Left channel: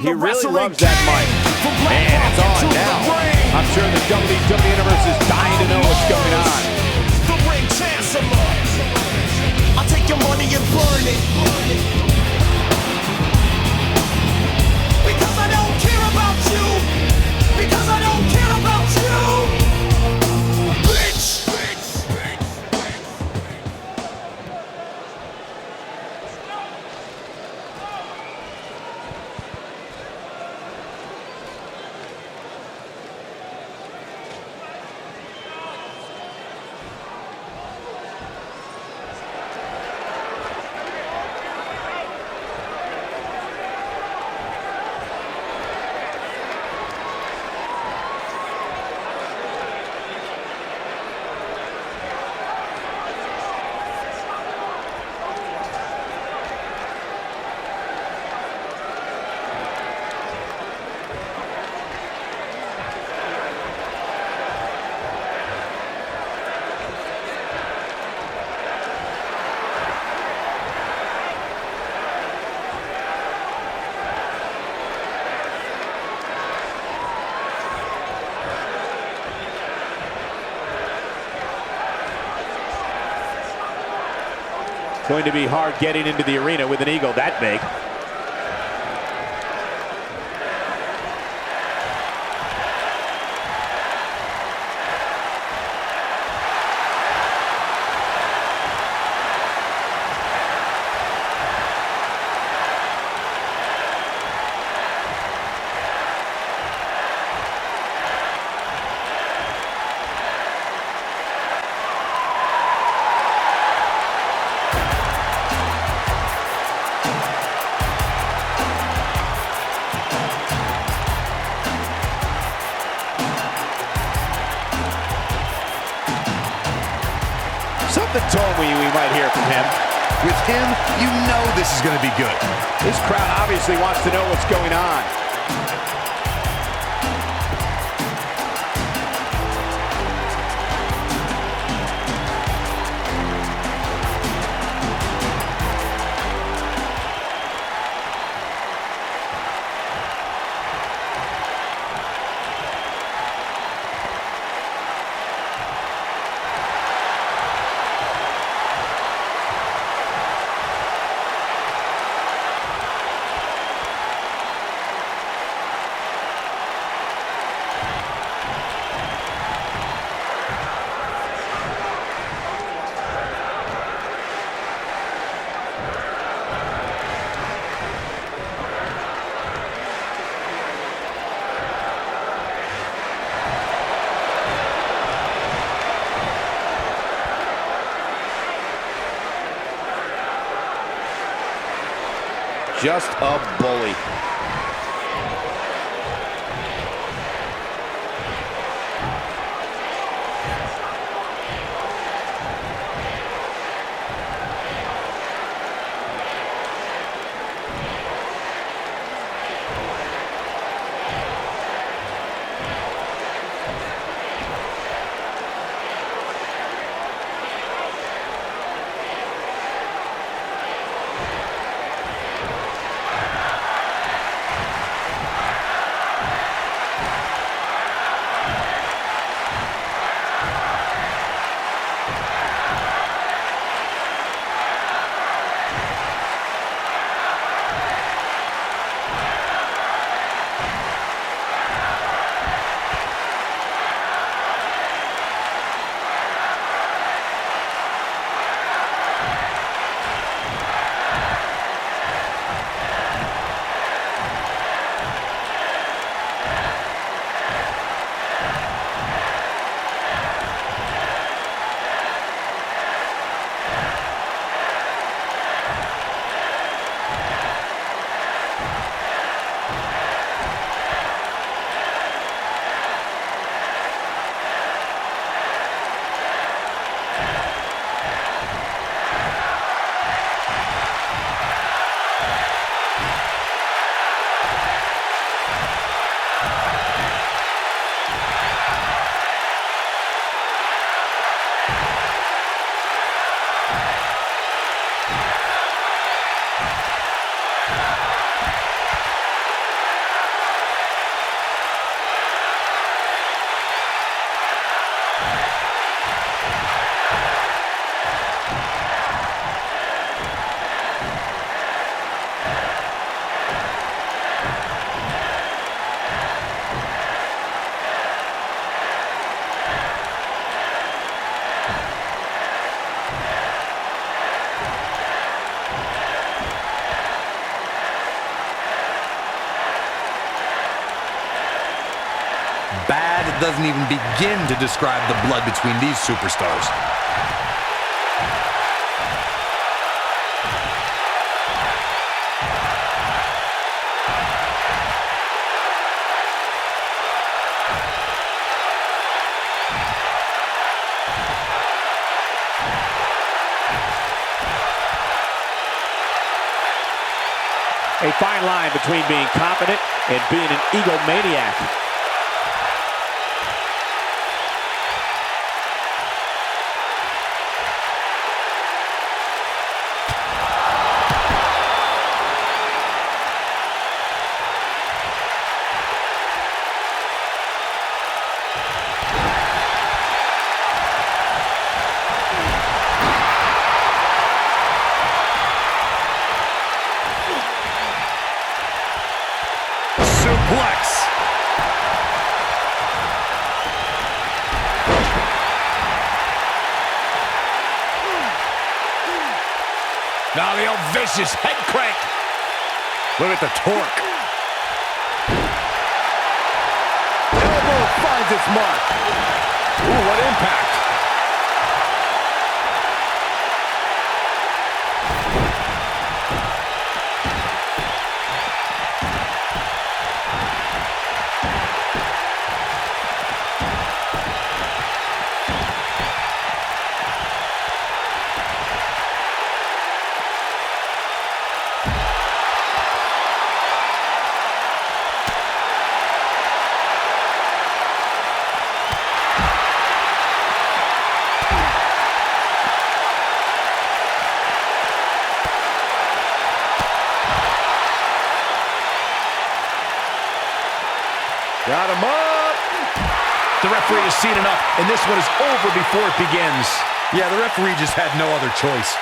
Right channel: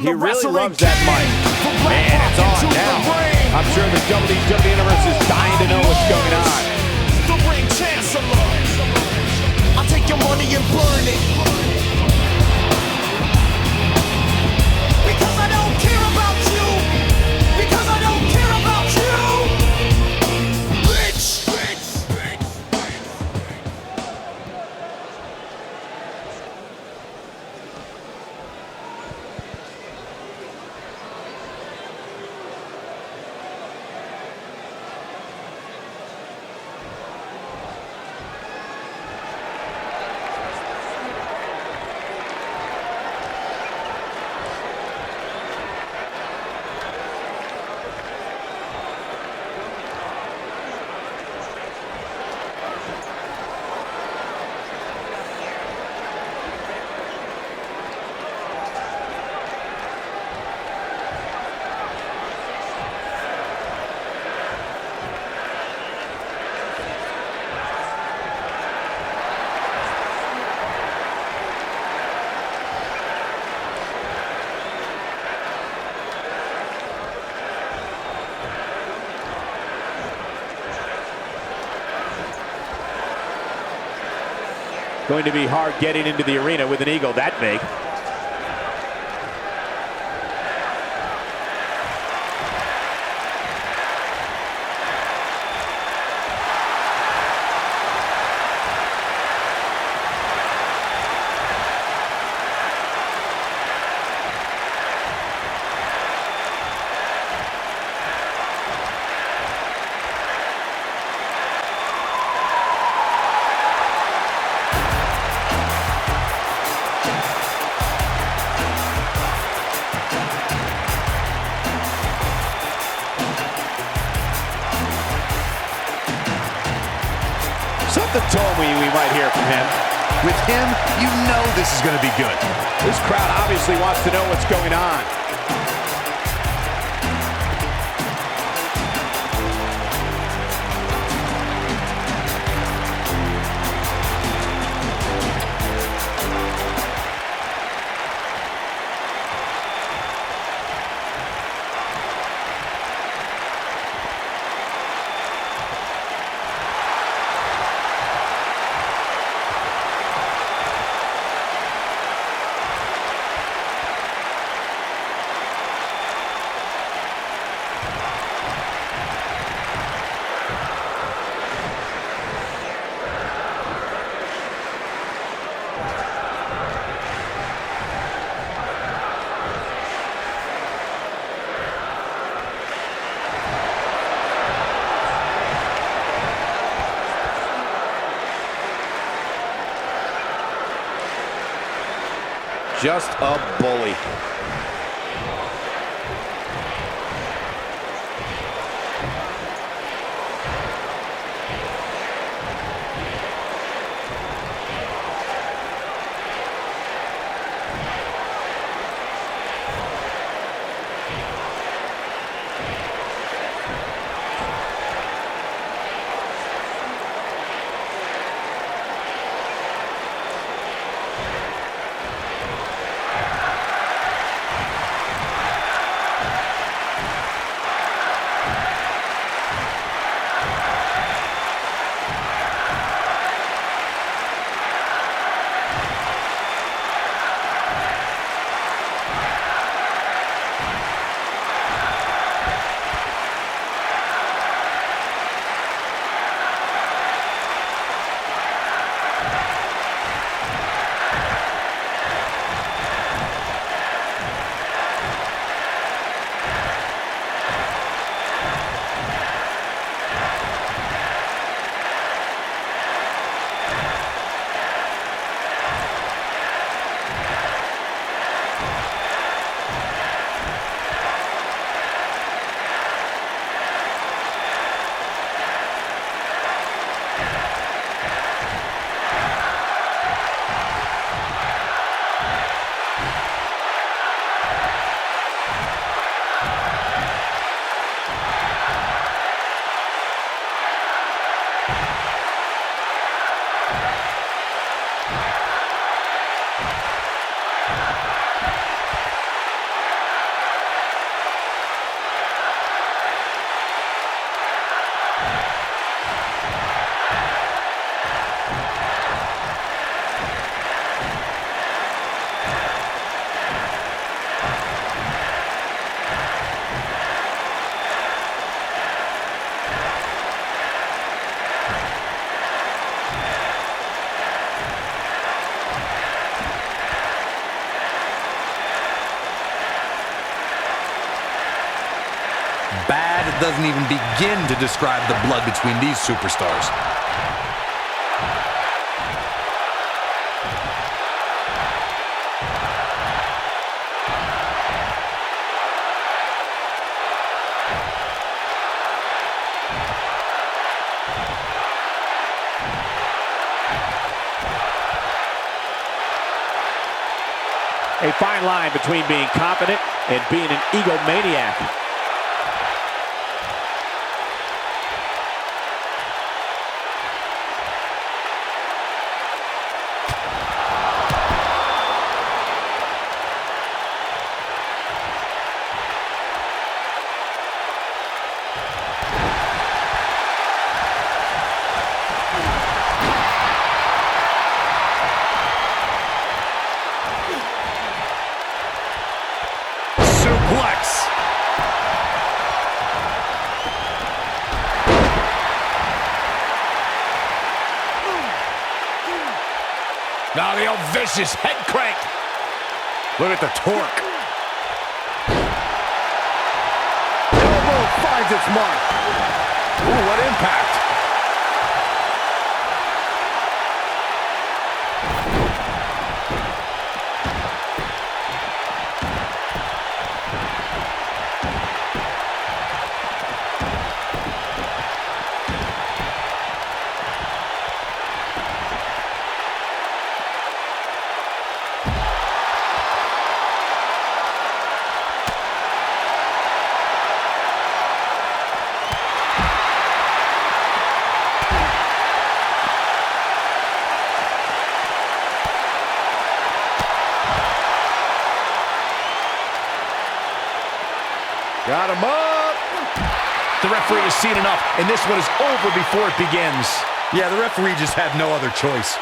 He really loves that mic. And it's on now. I'm sure the WWE Universe is dying to know what's going on. The ring chancellor. I'll take your money and burn it. Because I don't care about you. Because I don't care about you. Bitch. Going to be hard getting into the arena with an eagle that big. Something told me we might hear from him. With him, you know this is going to be good. This crowd obviously wants to know what's going on. Just a bully. Bad doesn't even begin to describe the blood between these superstars. A fine line between being confident and being an egomaniac. Suplex. Now the old vicious head crank. Look at the torque. Elbow finds its mark. Ooh, what impact. Got him up. The referee has seen enough, and this one is over before it begins. Yeah, the referee just had no other choice.